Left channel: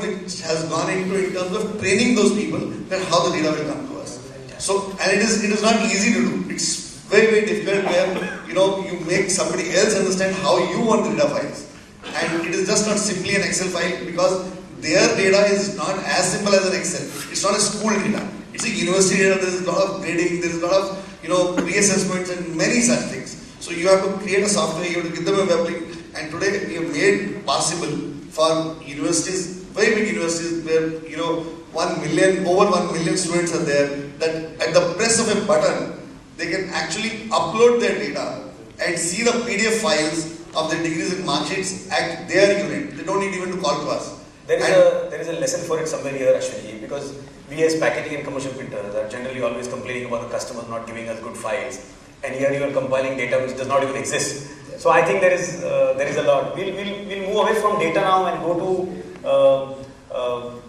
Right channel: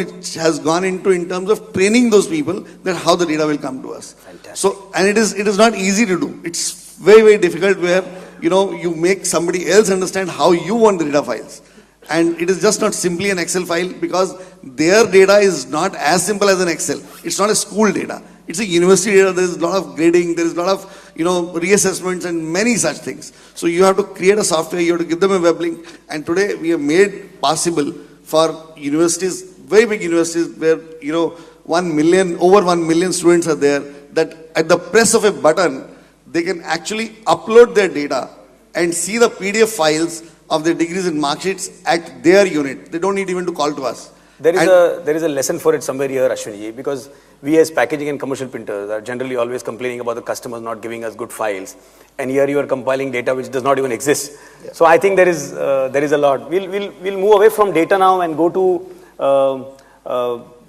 which has gone into in terms of training those people that how the data will come to us. So, and it is not easy to do. It's very, very difficult where, you make somebody else understand how you want the data files. And it is just not simply an Excel file, because their data is not as simple as an Excel. It's not a school data. It's a university data. There is a lot of grading. There is a lot of, reassessments and many such things. So you have to create a software. You have to give them a web link. And today we have made possible for universities, very big universities where, over 1 million students are there, that at the press of a button, they can actually upload their data and see the PDF files of their degrees and mark sheets at their unit. They don't need even to call to us. There is a lesson for it somewhere here, Ashwini, because we as packaging and commercial printers are generally always complaining about the customers not giving us good files, and here you are compiling data which does not even exist. Yeah. So I think there is a lot. We'll move away from data now and go to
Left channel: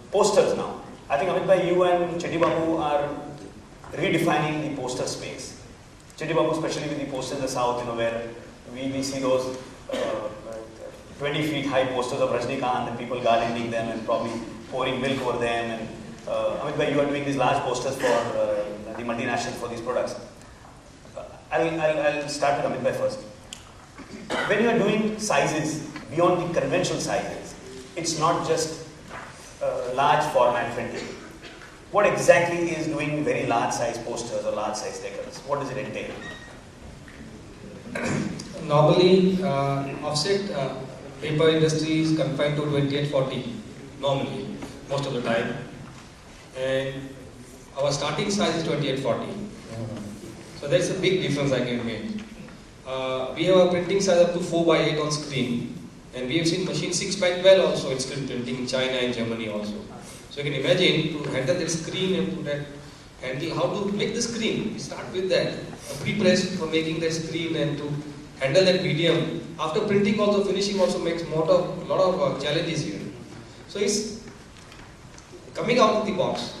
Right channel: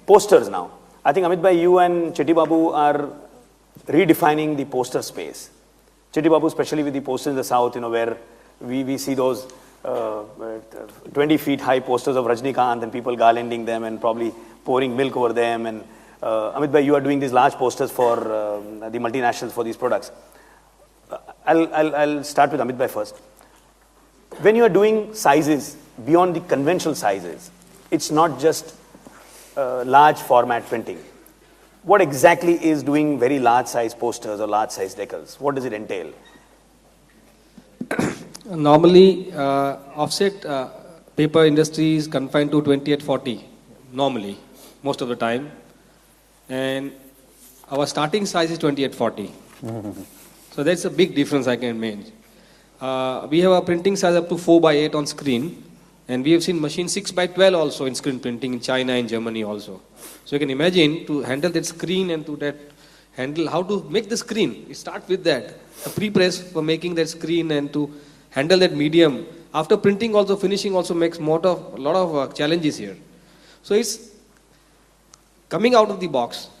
posters now. I think Amit bhai, you and Chetty Babu are redefining the poster space. Chetty Babu, especially with the posters in the south, where we see those 20 feet high posters of Rajnikant and people garlanding them and probably pouring milk over them. And Amit bhai, you are doing these large posters for the multinationals for these products. I'll start with Amit bhai first. When you are doing sizes beyond the conventional sizes, it's not just large format printing. What exactly is doing very large size posters or large size decals? What does it entail? Normally, offset paper industry is confined to 2840, normally, most of the time. And our starting size is 2840. So that's a big difference I can make. We have a printing size up to 4x8 on screen, and we have seen machine 6x12 also in screen printing in China and Germany also. So you can imagine to handle that screen and to handle how to make the screen. We start with that, a pre-press for making that screen and to handle that medium. After printing also, finishing also makes a lot of challenges here. So it's coming out of the box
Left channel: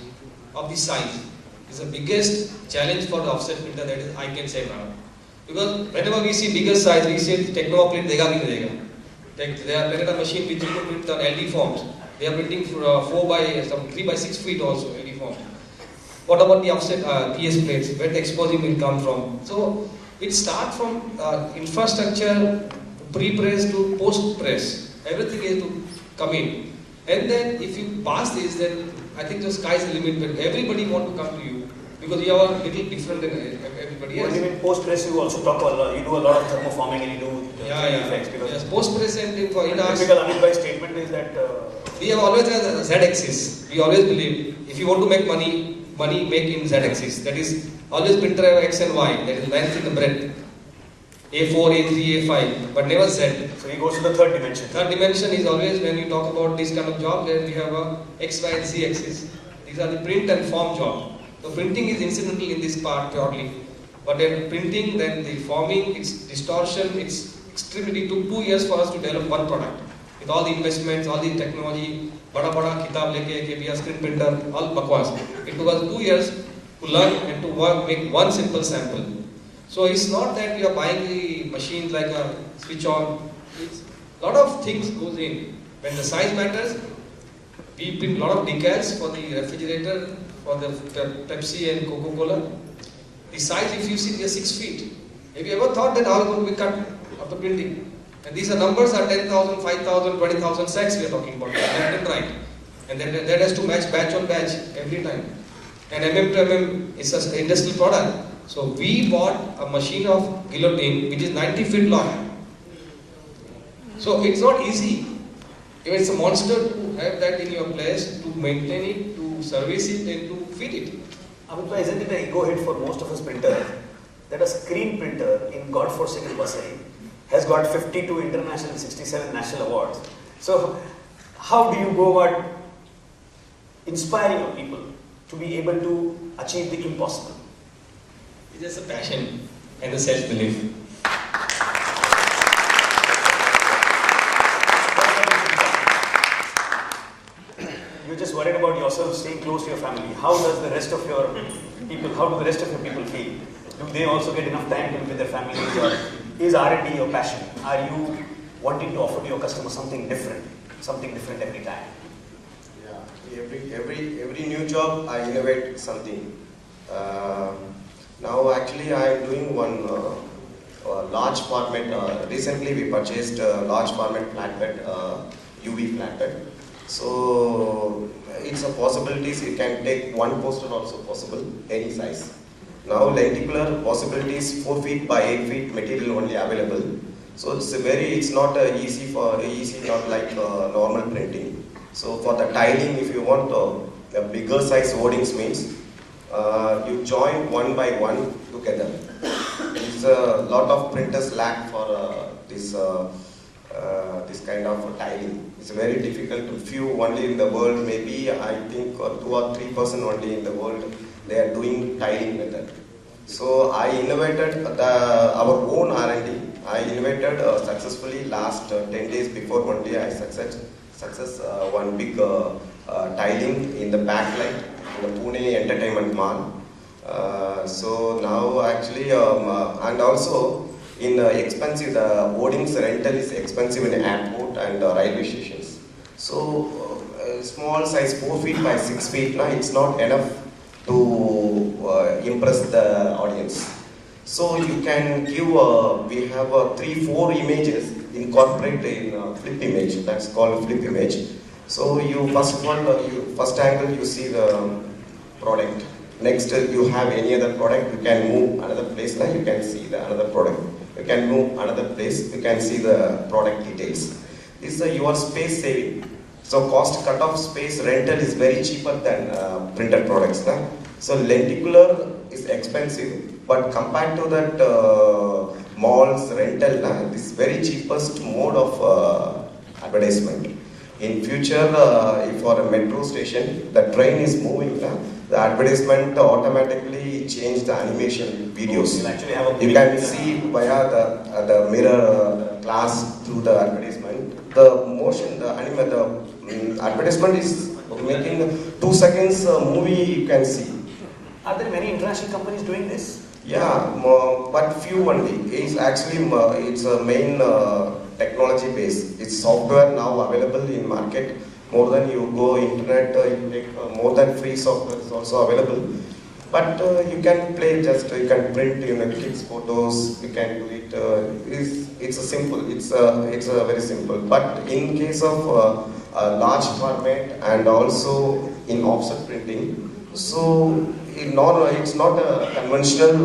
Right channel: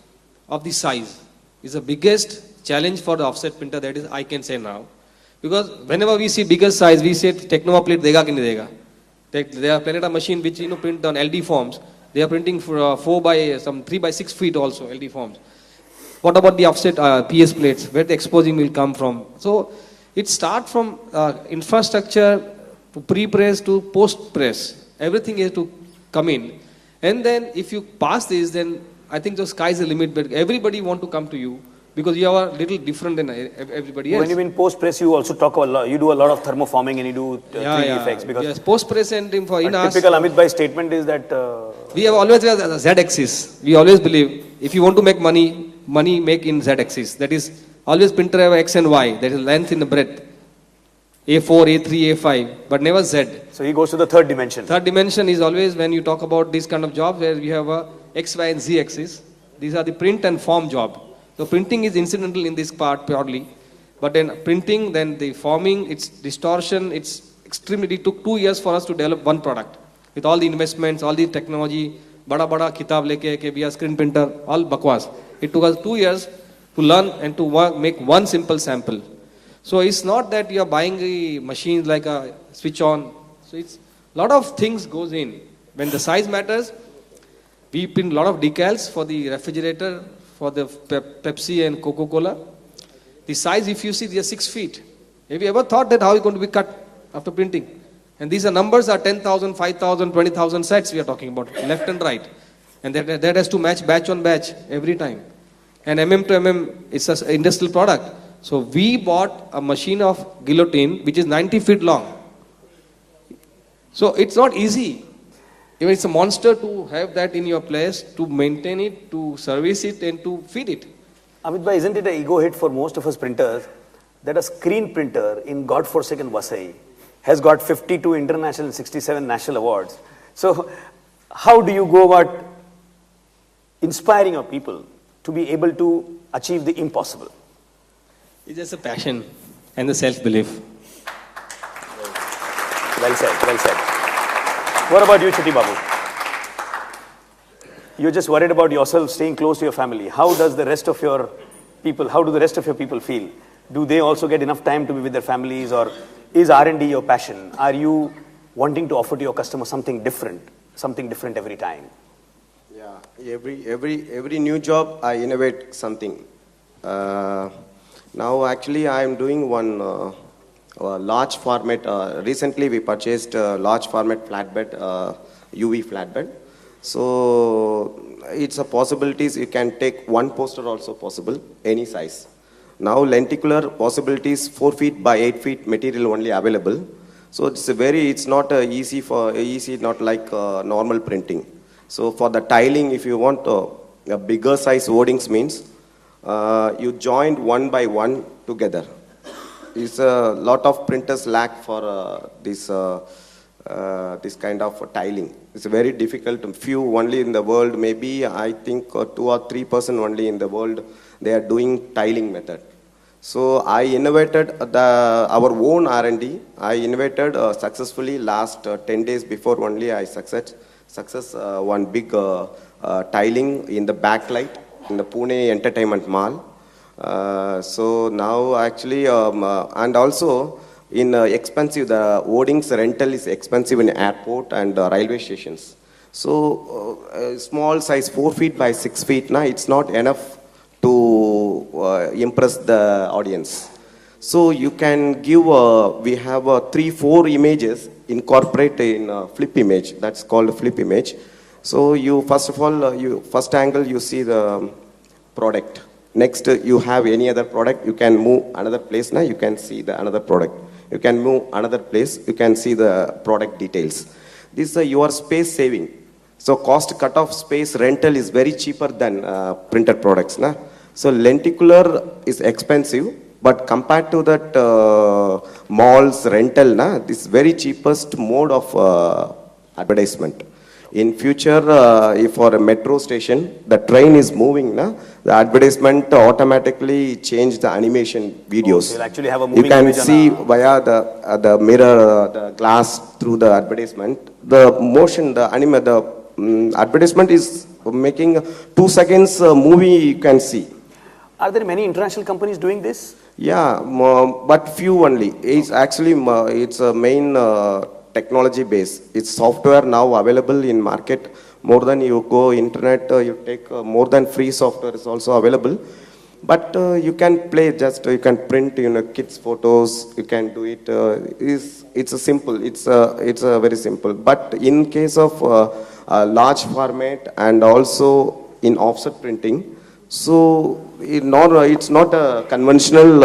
of the size is the biggest challenge for the offset printer, that is I can say now. Because whenever we see bigger size, we say Technova plate dega ki nahi dega. They are printed a machine which will print on LD forms. They are printing for 3 by 6 feet also LD forms. What about the offset PS plates, where the exposing will come from? So it starts from infrastructure, to pre-press to post-press. Everything has to come in. And then if you pass this, then I think the sky is the limit, but everybody want to come to you because you are a little different than everybody else. But you mean post-press, you also talk a lot, you do a lot of thermoforming and you do 3D effects. Because yes, post-press and in typical Amit bhai statement is that we have always got a Z-axis. We always believe if you want to make money make in Z-axis. That is always printer have X and Y, that is length in the breadth. A4, A3, A5, but never Z. So he goes to the third dimension. Third dimension is always when you talk about this kind of job where we have a X, Y and Z axis. These are the print and form job. So printing is incidental in this part purely. But then printing, then the forming, its distortion, it's extremely, it took 2 years for us to develop one product. With all the investments, all the technology, bada kitab leke, ke we are screen printer, all bakwas. It took us 2 years to learn and to make one simple sample. So it's not that you are buying the machine like a switch on. So it's a lot of things goes in. When the size matters, we print a lot of decals for the refrigerator, for the Pepsi and Coca-Cola. The size, if you see, they are 6 feet. Have you ever thought that how it could be cut after printing? And these are numbers are 10,000, 5,000, 20,000 sets we are talking about, left and right. And that has to match batch on batch every time. And mm to mm is just an industrial product. So we bought a machine of guillotine which is 90 feet long. So it's not easy. Even it's a monster to have that in your place, to maintain it, to service it and to feed it. Amit bhai, isn't it an ego hit for most of us printers that a screen printer in godforsaken Vasai has got 52 international and 67 national awards? So how do you go about inspiring your people to be able to achieve the impossible? It's just a passion and a self-belief. Well said, well said. What about you, Chetty Babu? You're just worried about yourself staying close to your family. How do the rest of your people feel? Do they also get enough time to be with their families, or is R&D your passion? Are you wanting to offer to your customers something different every time? Every new job I innovate something. Now actually I am doing one large format. Recently we purchased a large format flatbed, UV flatbed. So it's a possibilities. You can take one poster also possible, any size. Now lenticular possibilities 4 feet by 8 feet material only available. So it's not easy, not like normal printing. So for the tiling, if you want a bigger size hoardings means you join one by one together. It's a lot of printers lack for this kind of tiling. It's very difficult. Few only in the world, maybe I think 2 or 3% only in the world they are doing tiling method. So I innovated our own R&D. I innovated successfully last 10 days before only I success one big tiling in the backlight in the Pune Entertainment Mall. So now actually and also in expensive, the hoardings rental is expensive in airport and railway stations. So small size 4 feet by 6 feet now it's not enough to impress the audience. So you can give we have 3-4 images incorporate in flip image, that's called flip image. So you first of all first angle you see the product. Next you have any other product, you can move another place, now you can see the another product. You can move another place, you can see the product details. This is your space saving. So cost cut off space rental is very cheaper than printed products. Na? So lenticular is expensive, but compared to that malls rental, this is very cheapest mode of advertisement. In future, if for a metro station, the train is moving, the advertisement automatically change the animation videos. You can see via the mirror, the glass through the advertisement. The motion, the advertisement is making 2 seconds movie you can see. Are there many international companies doing this? Yeah, but few only. It's actually it's a main technology base. It's software now available in market. More than you go internet, you take more than free software is also available. But you can play you can print kids photos. You can do it. It's a simple. It's a very simple. But in case of large format and also in offset printing, so it's not a conventional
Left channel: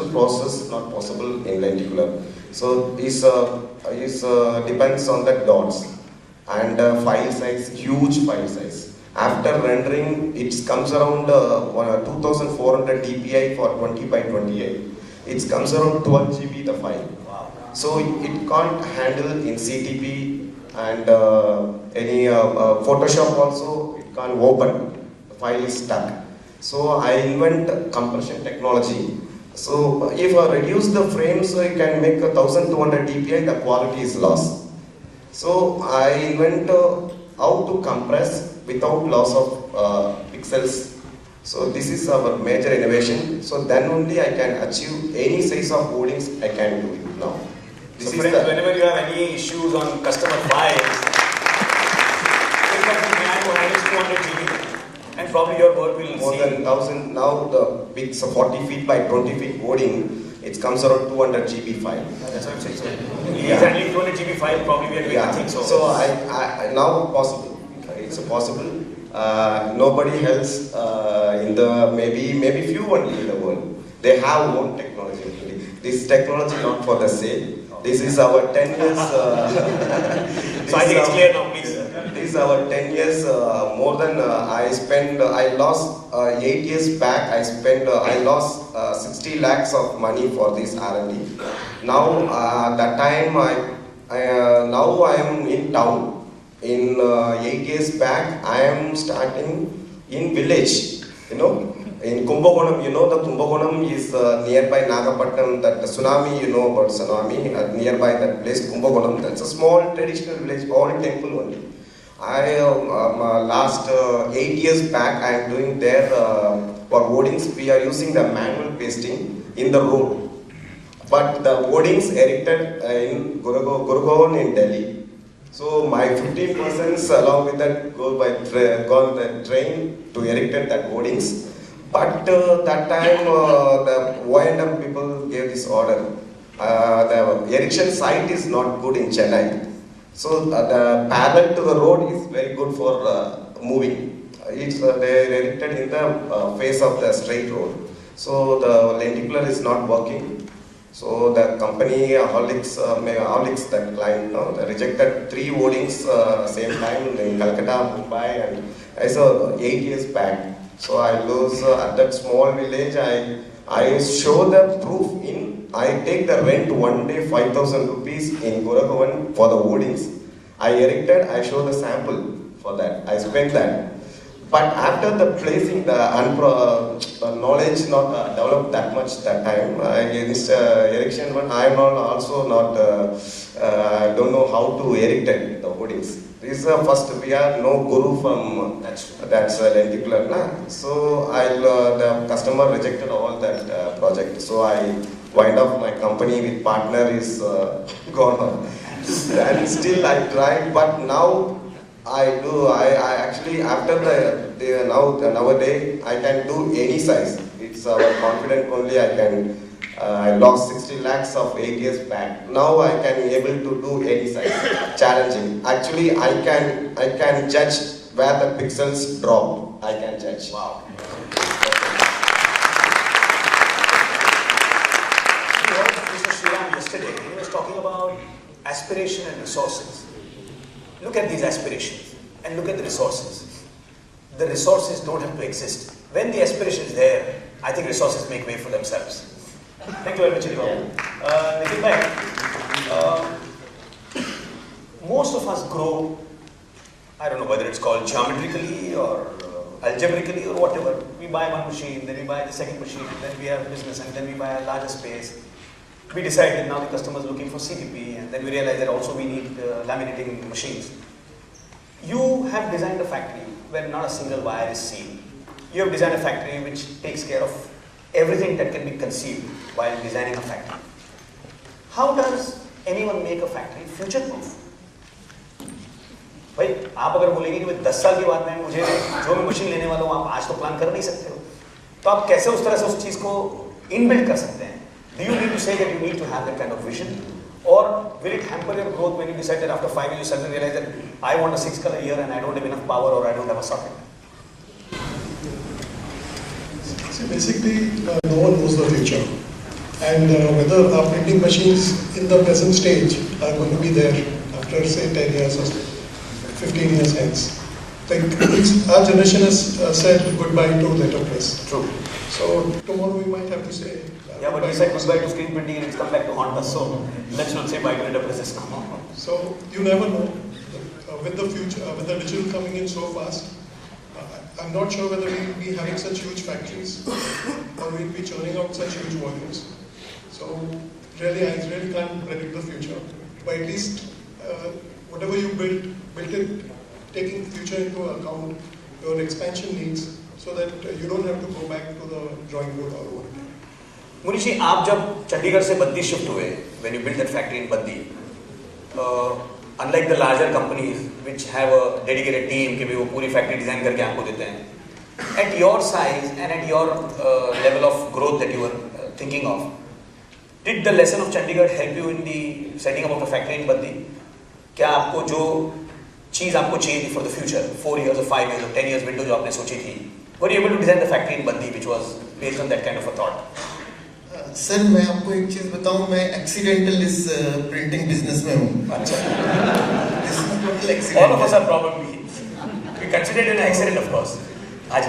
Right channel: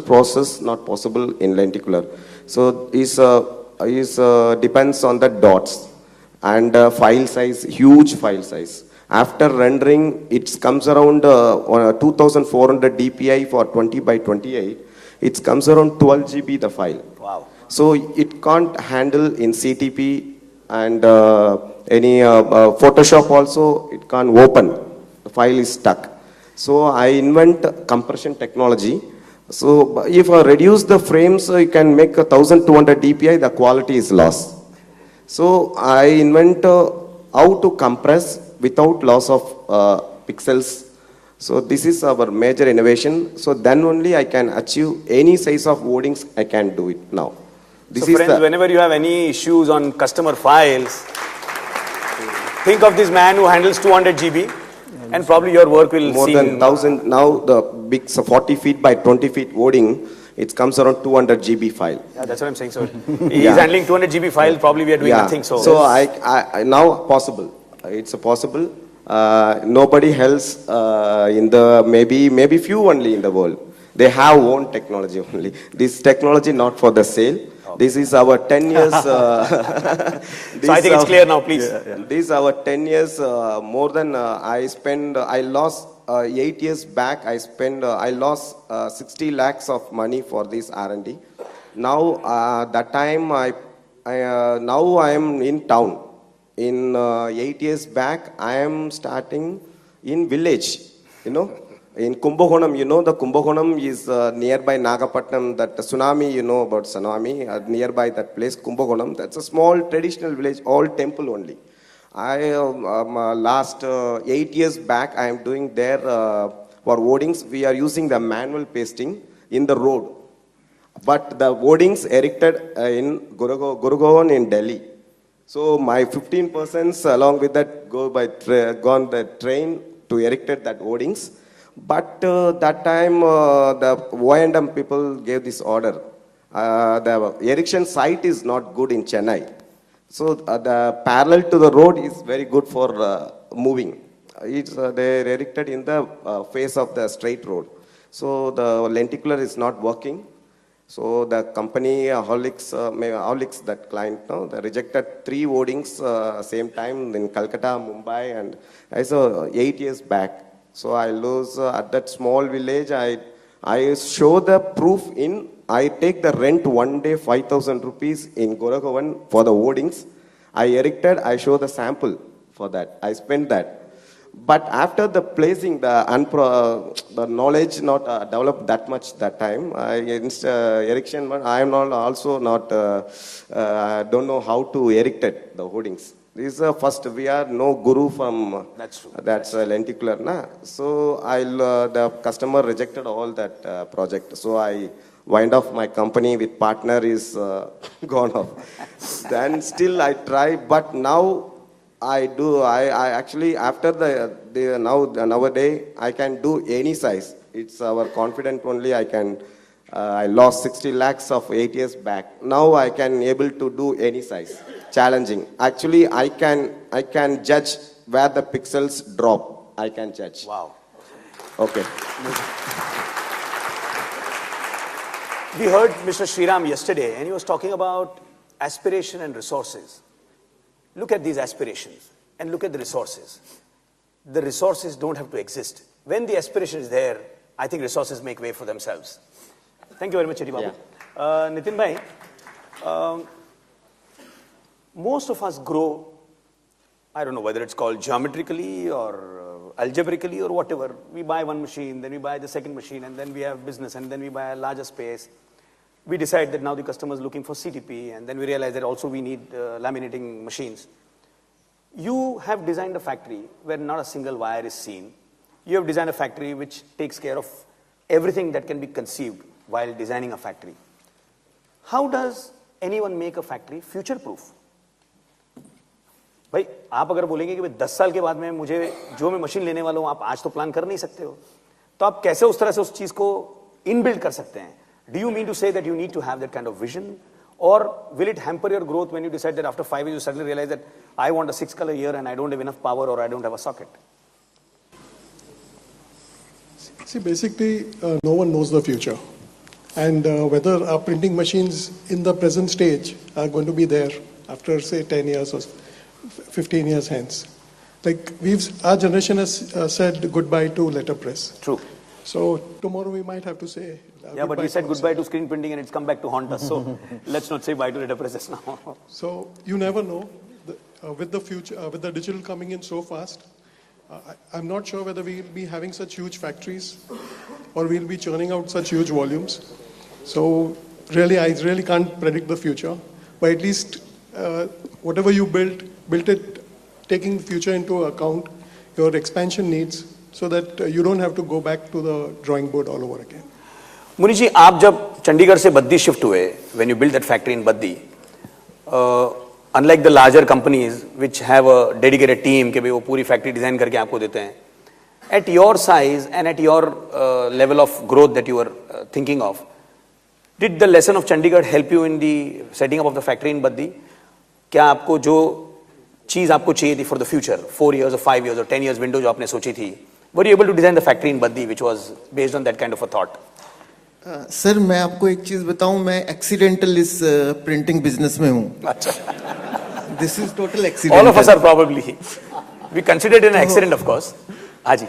process, not possible in lenticular. So it depends on the dots and file size, huge file size. After rendering, it comes around 2400 dpi for 20 by 28. It comes around 12 GB the file. Wow. So it can't handle in CTP and any Photoshop also it can't open. The file is stuck. So I invent compression technology. So if I reduce the frames, you can make 1200 dpi, the quality is lost. So I invent how to compress without loss of pixels. So this is our major innovation. So then only I can achieve any size of wordings, I can do it now. This so friends, whenever you have any issues on customer files, think of this man who handles 200 GB and probably your work will more than 1000. Now the big 40 feet by 20 feet wording, it comes around 200 GB file. Yeah, that's what I'm saying. So he is handling 200 GB file, probably we are doing nothing. So I now possible. It's possible. Nobody else in the maybe few only in the world. They have own technology only. This technology not for the sale. This is our 10 years. So I think it's clear now, please. This is our 10 years. More than I lost 8 years back. I lost 60 lakhs of money for this R&D. Now that time now I am in town. In 8 years back, I am starting in village. In Kumbakonam, the Kumbakonam is nearby Nagapattinam. That the tsunami, about tsunami, nearby that place, Kumbakonam. That's a small traditional village, all temple only. I last 8 years back, I am doing there for wordings. We are using the manual pasting in the road, but the wordings erected in Gurgaon in Delhi. So my 15% along with that gone the train to erected the hoardings. But that time the Y&M people gave this order. The erection site is not good in Chennai. So the parallel to the road is very good for moving. It's they erected in the face of the straight road. So the lenticular is not working. So the company Horlicks that client rejected 3 hoardings same time in Calcutta, Mumbai, and I saw 8 years back. So I was at that small village. I show the proof in. I take the rent one day 5,000 rupees in Goa for the hoardings. I erected. I show the sample for that. I spent that. But after the placing, the knowledge not developed that much that time. Against erection, but I am also not. I don't know how to erect the hoardings. This is first. We have no guru from that's lenticular. So the customer rejected all that project. So I wind up my company with partner is gone. And still I tried, but now. I actually after the nowadays I can do any size. It's confident only I can. I lost 60 lakhs of 8 years back. Now I can able to do any size. Challenging. Actually I can judge where the pixels drop. I can judge. Wow. Okay. We heard Mr. Sriram yesterday, and he was talking about aspiration and resources. Look at these aspirations and look at the resources. The resources don't have to exist. When the aspiration is there, I think resources make way for themselves. Thank you very much, Nitin bhai, most of us grow, I don't know whether it's called geometrically or algebraically or whatever. We buy one machine, then we buy the second machine, then we have a business, and then we buy a larger space. We decide that now the customer is looking for CDP, and then we realize that also we need laminating machines. You have designed a factory where not a single wire is seen. You have designed a factory which takes care of everything that can be conceived while designing a factory. How does anyone make a factory future-proof? भाई आप अगर बोलेंगे मैं 10 साल के बाद में मुझे जो मशीन लेने वाला हूँ आप आज तो प्लान कर नहीं सकते हो तो आप कैसे उस तरह से उस चीज को इनबिल्ड कर सकते हैं Do you mean to say that you need to have that kind of vision? Or will it hamper your growth when you decide that after 5 years you suddenly realize that I want a 6-color year and I don't have enough power or I don't have a socket? See, basically, no one knows the future. And whether our printing machines in the present stage are going to be there after, say, 10 years or 15 years hence. Like, our generation has said goodbye to letterpress. True. So, tomorrow we might have to say. Yeah, but we said goodbye to screen printing and it's come back to haunt us. So let's not say bye to letterpress now. So you never know. With the future, with the digital coming in so fast, I'm not sure whether we'll be having such huge factories or we'll be churning out such huge volumes. So really, I really can't predict the future. But at least whatever you built it, taking the future into account, your expansion needs, so that you don't have to go back to the drawing board all over again. Munish जी आप जब चंडीगढ़ से Baddi shift हुए when you built that factory in Baddi unlike the larger companies which have a dedicated team कि भी वो पूरी factory design करके आपको देते हैं at your size and at your level of growth that you were thinking of did the lesson of Chandigarh help you in the setting up of the factory in Baddi क्या आपको जो चीज़ आपको चाहिए थी for the future 4 years or 5 years or 10 years window जो आपने सोची थी were you able to design the factory in Baddi which was based on that kind of a thought? Sir मैं आपको एक चीज़ बताऊं मैं एक्सीडेंटल इस प्रिंटिंग बिजनेस में हूं this is total accident All of us are probably we considered it an accident of course. हाँ जी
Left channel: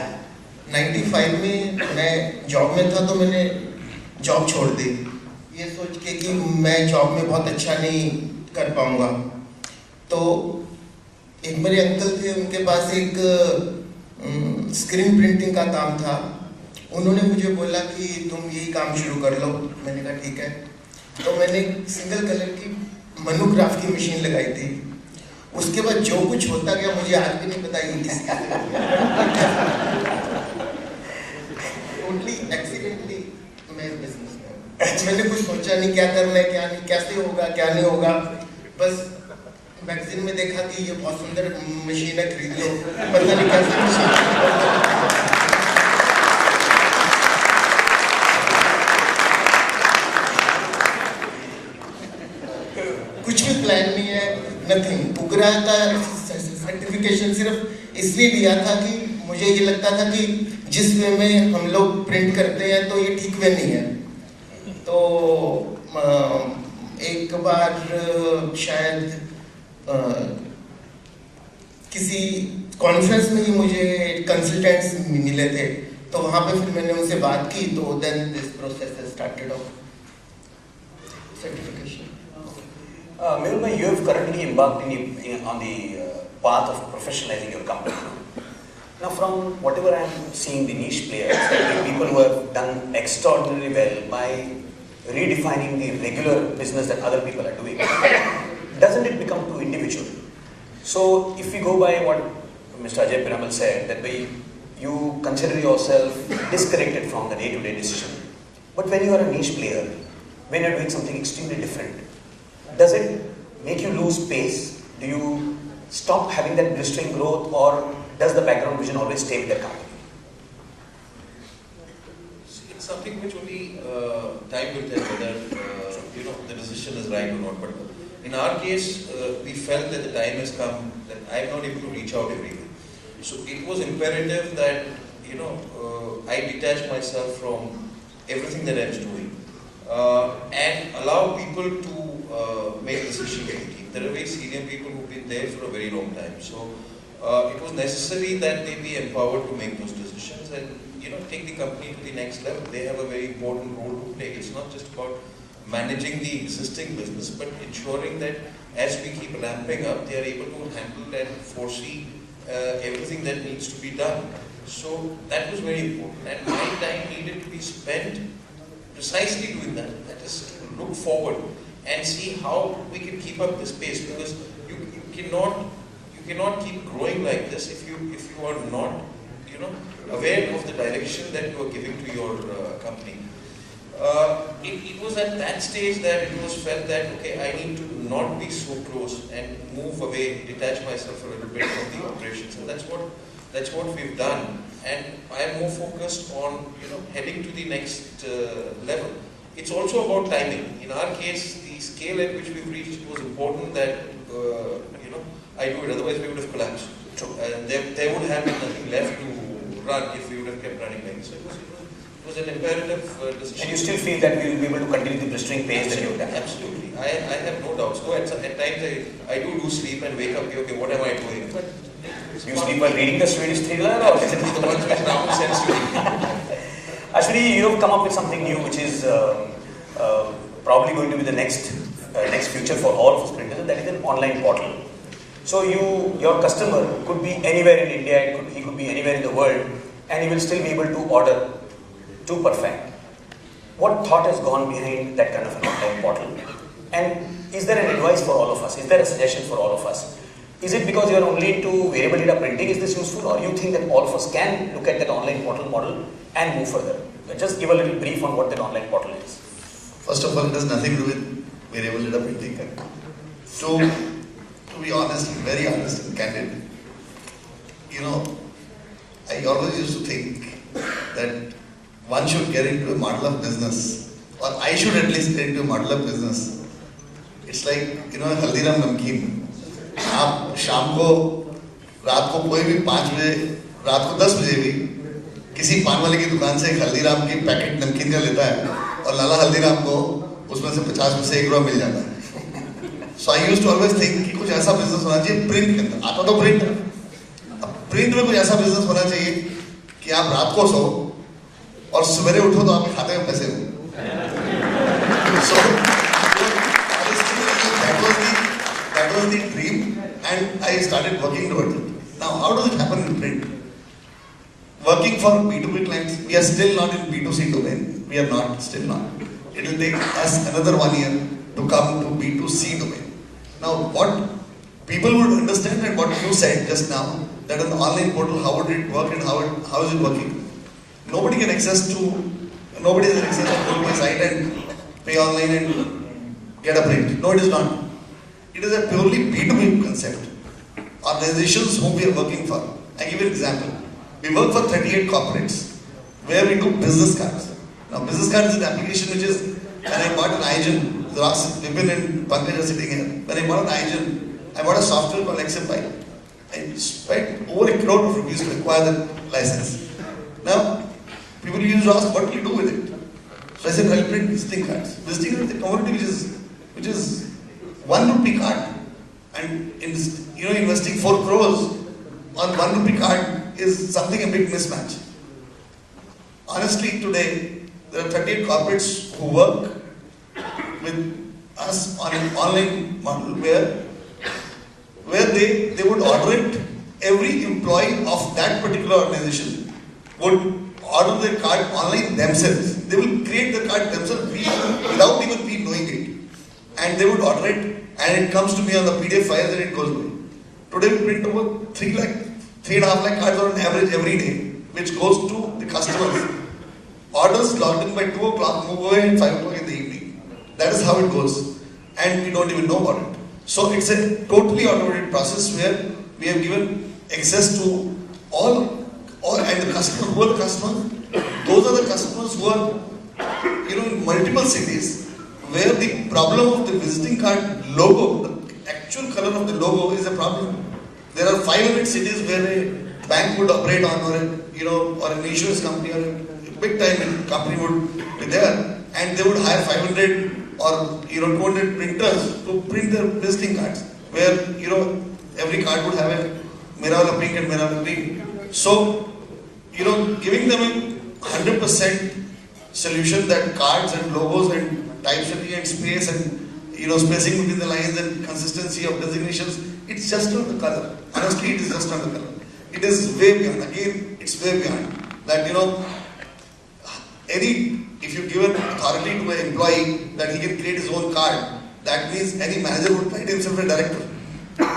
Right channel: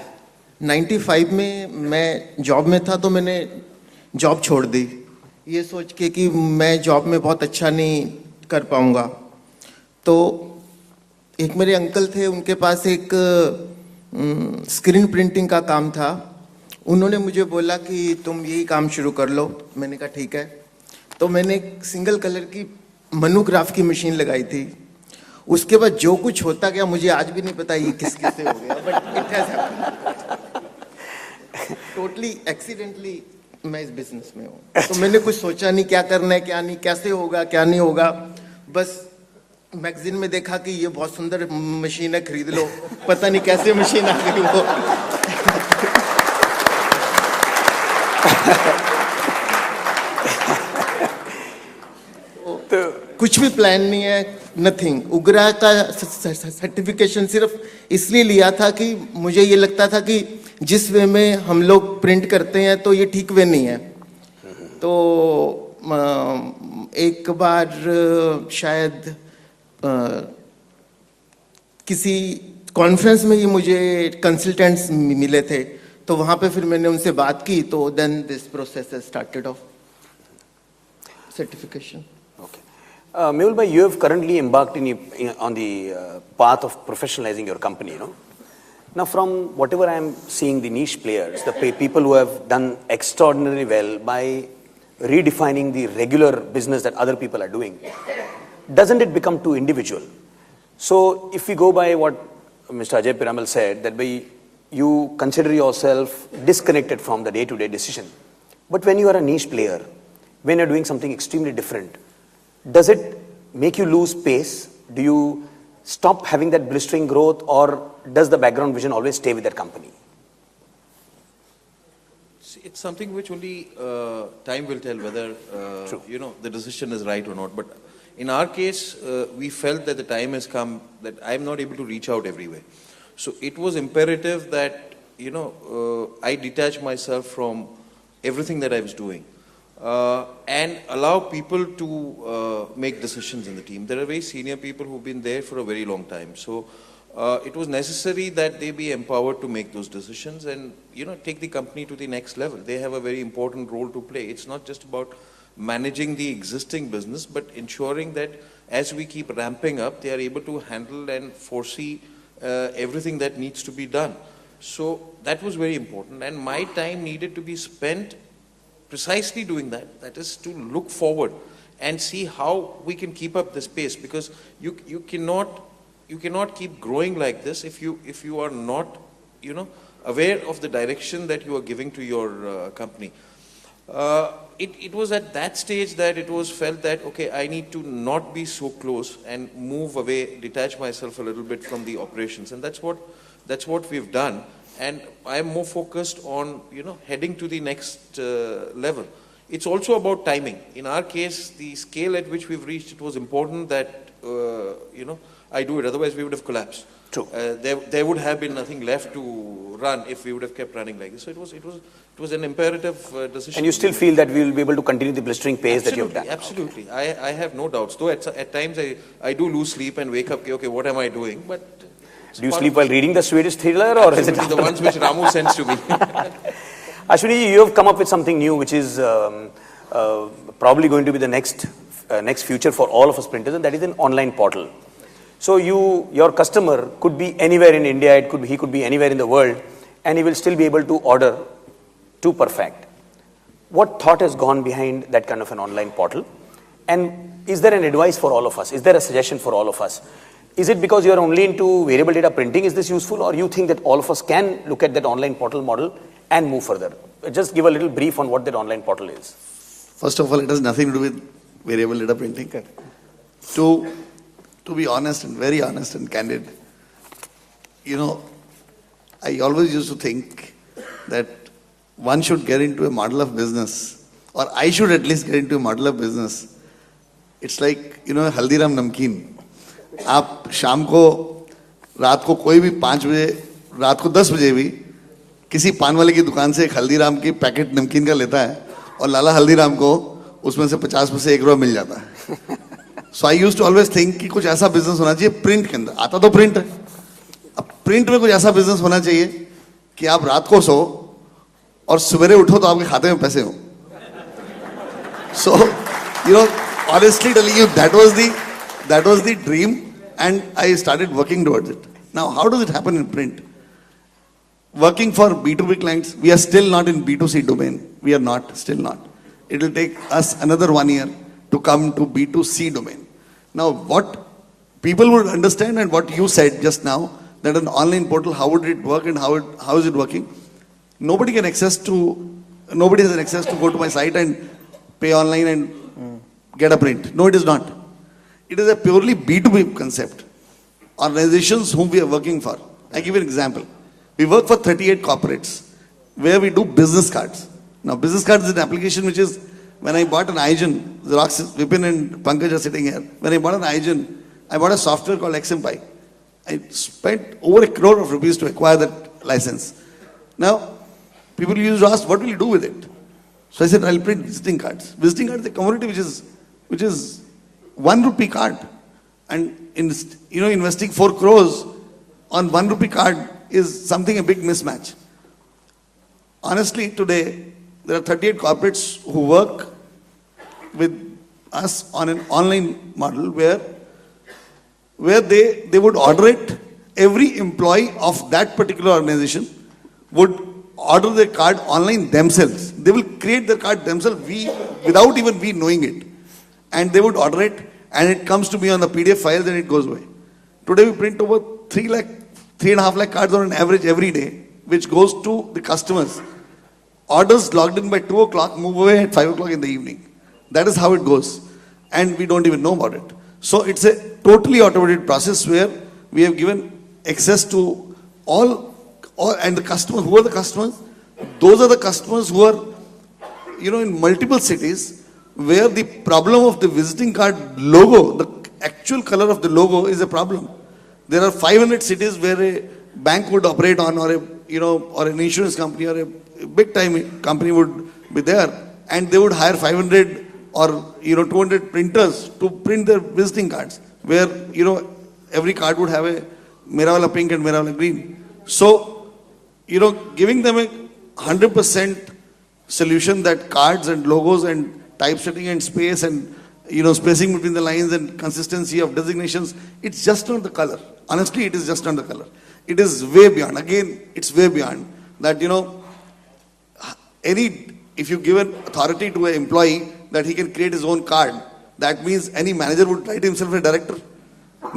95 में मैं जॉब में था तो मैंने जॉब छोड़ दी ये सोच के कि मैं जॉब में बहुत अच्छा नहीं कर पाऊंगा तो एक मेरे अंकल थे उनके पास एक स्क्रीन प्रिंटिंग का काम था उन्होंने मुझे बोला कि तुम यही काम शुरू कर लो मैंने कहा ठीक है तो मैंने सिंगल कलर की मोनोग्राफ की मशीन लगाई थी उसके बाद जो कुछ होता गया मुझे आज भी नहीं पता ये किसी टोटली एक्सीडेंटली मैं इस बिजनेस में तो मैंने कुछ सोचा नहीं क्या करना है क्या नहीं कैसे होगा क्या नहीं होगा बस मैगजीन में देखा कि ये बहुत सुंदर मशीन है, खरीद लो। पता नहीं कैसी मशीन कुछ भी प्लान नहीं है, नथिंग। उग्रा का सर्टिफिकेशन सिर्फ इसलिए लिया था कि मुझे ये लगता था कि जिस वे में हम लोग प्रिंट करते हैं तो ये ठीक वे नहीं है। तो एक बार शायद किसी कॉन्फ्रेंस में ही मुझे कंसल्टेंट्स मिले थे, तो वहाँ पे फिर मैंने उनसे बात की, तो then this process started off certification. Mehul bhai, you have currently embarked on the path of professionalizing your company. Now, from whatever I am seeing, the niche players, the people who have done extraordinarily well by redefining the regular business that other people are doing, doesn't it become too individual? So, if we go by what Mr. Ajay Piramal said, that you consider yourself disconnected from the day-to-day decision. But when you are a niche player, when you are doing something extremely different, does it make you lose pace? Do you stop having that blistering growth, or does the background vision always stay with that company? It's something which only time will tell whether the decision is right or not. But in our case, we felt that the time has come that I am not able to reach out everywhere. So it was imperative that I detach myself from everything that I was doing. And allow people to make decisions in the team. There are very senior people who've been there for a very long time. So it was necessary that they be empowered to make those decisions and take the company to the next level. They have a very important role to play. It's not just about managing the existing business, but ensuring that as we keep ramping up, they are able to handle and foresee everything that needs to be done. So that was very important, and my time needed to be spent precisely doing that. That is to look forward and see how we can keep up this pace, because you cannot keep growing like this if you are not aware of the direction that you are giving to your company. It was at that stage that it was felt that okay, I need to not be so close and move away, detach myself a little bit from the operations, and that's what we've done. And I am more focused on heading to the next level. It's also about timing. In our case, the scale at which we've reached, it was important that I do it. Otherwise, we would have collapsed. True. There would have been nothing left to run if we would have kept running like. So it was an imperative decision. And you still feel that we will be able to continue the blistering pace that you have done? Absolutely. I have no doubt. So at times I do lose sleep and wake up. Okay, what am I doing? But do you sleep while reading the Swedish thriller, or is it the ones which Ramu sends to me? Ashwini, you have come up with something new, which is probably going to be the next future for all of us printers, and that is an online portal. So your customer could be anywhere in India, he could be anywhere in the world, and he will still be able to order to perfect. What thought has gone behind that kind of an online portal? And is there an advice for all of us? Is there a suggestion for all of us? Is it because you are only into variable data printing, is this useful, or you think that all of us can look at that online portal model and move further? Just give a little brief on what that online portal is. First of all, it has nothing to do with variable data printing. To be honest, very honest and candid, I always used to think that one should get into a model of business, or I should at least get into a model of business. It's like, Haldiram Namkeen. आप शाम को रात को कोई भी 5 बजे रात को 10 बजे भी किसी पान वाले की दुकान से हल्दीराम की पैकेट नमकीन का लेता है और लाला हल्दीराम को उसमें से 50 से 1 रुपया मिल जाता है. So I used to always think कि कुछ ऐसा बिजनेस होना चाहिए प्रिंट के अंदर. आता तो प्रिंट, अब प्रिंट में कुछ ऐसा बिजनेस होना चाहिए कि आप रात को सो और सवेरे उठो तो आपके खाते में पैसे हो. सो honestly telling you, that was the dream, and I started working towards it. Now, how does it happen in print? Working for B2B clients, we are still not in B2C domain. We are not, still not. It will take us another 1 year to come to B2C domain. Now, what people would understand and what you said just now, that an online portal, how would it work and how is it working? Nobody has access to go to my site and pay online and get a print. No, it is not. it is a purely B2B concept. Organizations whom we are working for. I give you an example. We work for 38 corporates where we do business cards. Now, business cards is an application which is, when I bought an iGen, Vipin and Pankaj are sitting here. When I bought an iGen, I bought a software called XMPy. I spent over 1 crore of rupees to acquire that license. Now, people used to ask, what will you do with it? So I said, I'll print visiting cards. Visiting cards is a commodity which is 1 rupee card. And investing 4 crores on 1 rupee card is something a big mismatch. Honestly, today, there are 38 corporates who work with us on an online model where they would order it. Every employee of that particular organization would order their card online themselves. They will create the card themselves without even we knowing it. And they would order it and it comes to me on the PDF files and it goes away. Today we print over 3.5 lakh cards on an average every day, which goes to the customers. Orders logged in by 2 o'clock, move away at 5 o'clock in the evening. That is how it goes. And we don't even know about it. So it's a totally automated process where we have given access to all and the customers. Who are the customers? Those are the customers who are in multiple cities where the problem of the visiting card logo, the actual color of the logo is a problem. There are 500 cities where a bank would operate on, or an insurance company or a big time company would be there, and they would hire 500 or 200 printers to print their visiting cards, where every card would have a Mera pink and Mera green. So giving them a 100% solution that cards and logos and typesetting and space and spacing between the lines and consistency of designations, it's just not the color. Honestly, it is just not the color. It is way beyond. Again, it's way beyond that. If you give an authority to an employee that he can create his own card, that means any manager would write himself a director.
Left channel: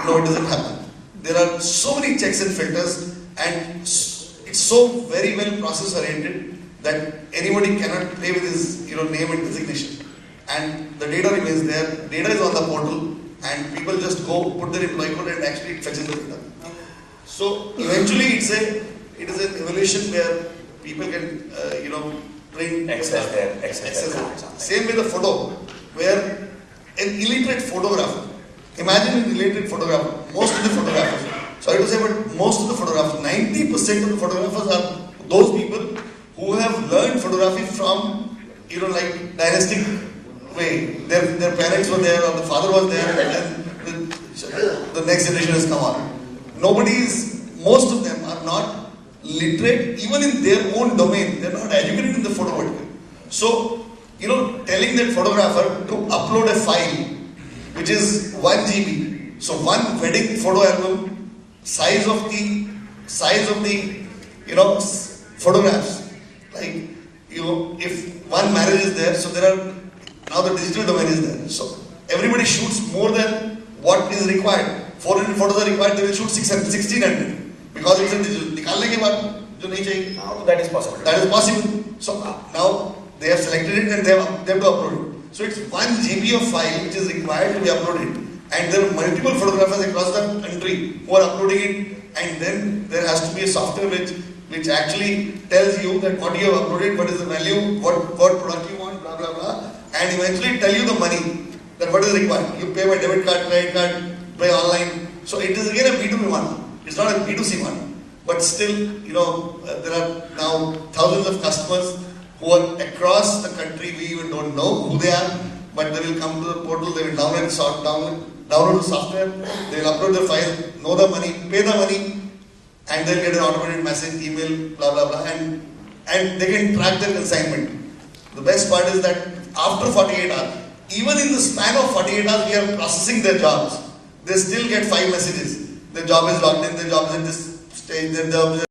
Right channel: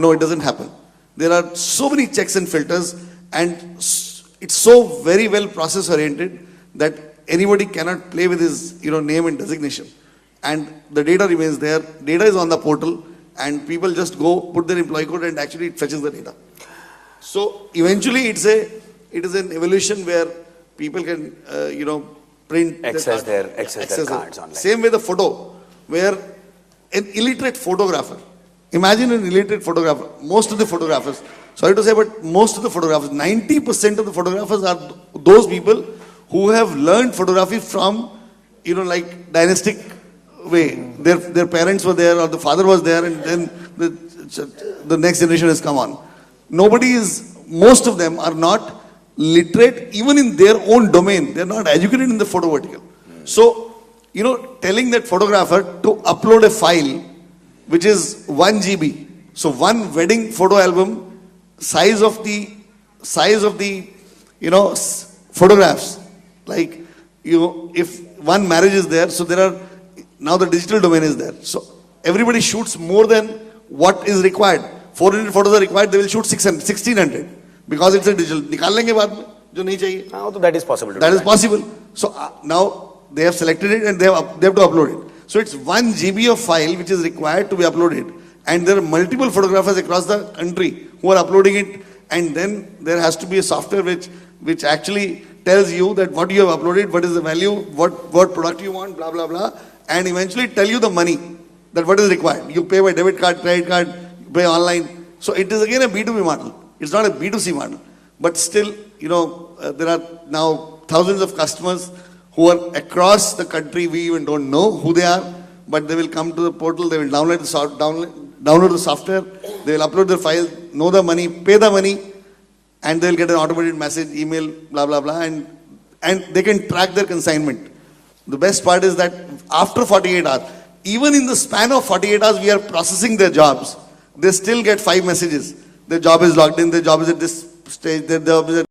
No, it doesn't happen. There are so many checks and filters, and it's so very well process oriented that anybody cannot play with his name and designation. And the data remains there. Data is on the portal, and people just go put their employee code and actually it fetches the data. So eventually, it is an evolution where people can print access their cards. Same way the photo, where an illiterate photographer. Imagine an illiterate photographer. Most of the photographers, sorry to say, but most of the photographers, 90% of the photographers are those people who have learned photography from like dynastic way. Their parents were there, or the father was there, and then the next generation has come on. Most of them are not literate even in their own domain. They are not educated in the photo vertical. So, telling that photographer to upload a file which is 1 GB. So one wedding photo album, size of the photographs. Like, if one marriage is there, so there are, now the digital domain is there. So everybody shoots more than what is required. 400 photos are required, they will shoot 1600 because it's a digital. निकालने के बाद जो नहीं चाहिए. Now that is possible. That is possible. So now they have selected it and they have to upload it. So it's 1 GB of file which is required to be uploaded. And there are multiple photographers across the country who are uploading it. And then there has to be a software which actually tells you that what you have uploaded, what is the value, what product you want, blah blah blah, and eventually tell you the money, that what is required. You pay by debit card, credit card, pay online. So it is again a B2B model. It's not a B2C model. But still, there are now thousands of customers who are across the country. We even don't know who they are, but they will come to the portal, they will download the software, they will upload the file, know the money, pay the money, and they will get an automated message, email, blah blah blah, and they can track their consignment. The best part is that after 48 hours, even in the span of 48 hours, we are processing their jobs. They still get 5 messages. Their job is logged in, their job is at this stage, their job is